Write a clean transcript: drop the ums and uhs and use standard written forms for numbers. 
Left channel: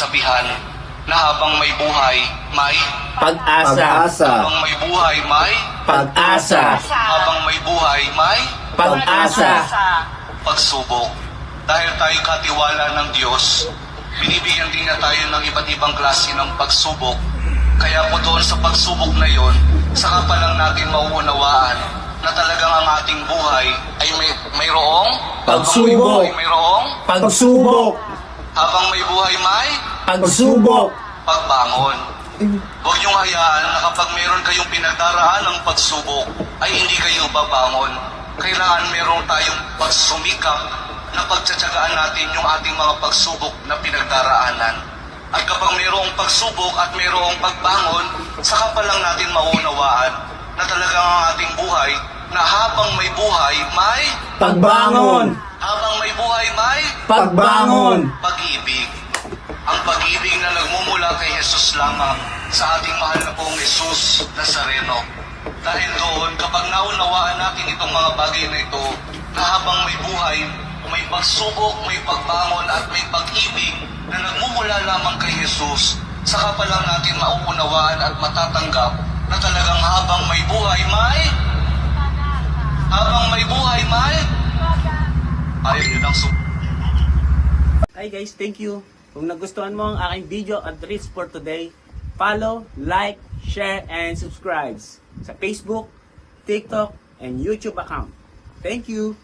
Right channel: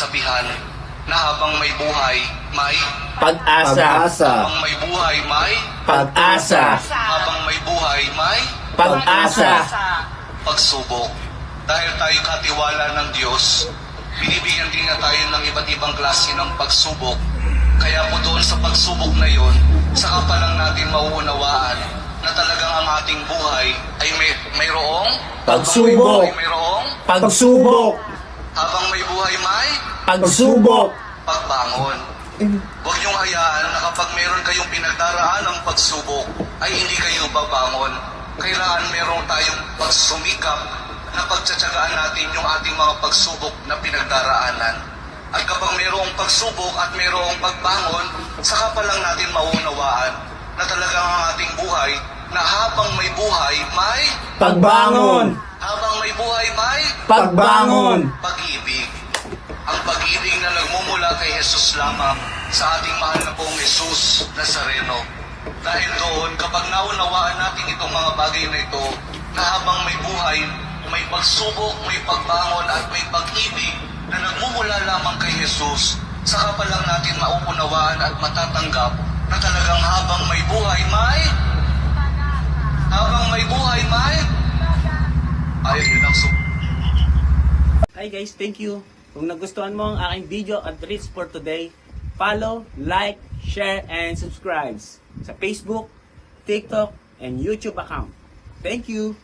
kasabihan na habang may buhay, may Pag-asa. habang may buhay, may Pag-asa. habang may buhay, may Pag-asa. pagsubok. Dahil tayo katiwala ng Diyos, binibigyan din na tayo ng iba't ibang klase ng pagsubok. Kaya po doon sa pagsubok na yon, saka pa lang natin mauunawaan na talagang ang ating buhay ay mayroong Pagsubok. mayroong Pagsubok. habang may buhay, may Pagsubok. pagbangon. Huwag niyong hayaan na kapag meron kayong pinagdaraan ng pagsubok, ay hindi kayo babangon. Kailangan meron tayong pagsumikap na pagtsatsagaan natin yung ating mga pagsubok na pinagdaraanan. At kapag mayroong pagsubok at mayroong pagbangon, saka pa lang natin maunawaan na talagang ang ating buhay na habang may buhay, may Pagbangon. habang may buhay, may Pagbangon. pag-ibig. Ang pag-ibig na nagmumula kay Jesus lamang sa ating mahal na pong Jesus Nazareno. Dahil doon, kapag naunawaan natin itong mga bagay na ito, na habang may buhay, may pagsubok, may pagbangon at may pag-ibig na nagmumula lamang kay Jesus, saka pa lang natin mauunawaan at matatanggap na talagang habang may buhay, may ayaw nilang Hi guys, thank you. Kung nagustuhan mo ang aking video at reels for today, follow, like, share, and subscribe sa Facebook, TikTok, and YouTube account. Thank you!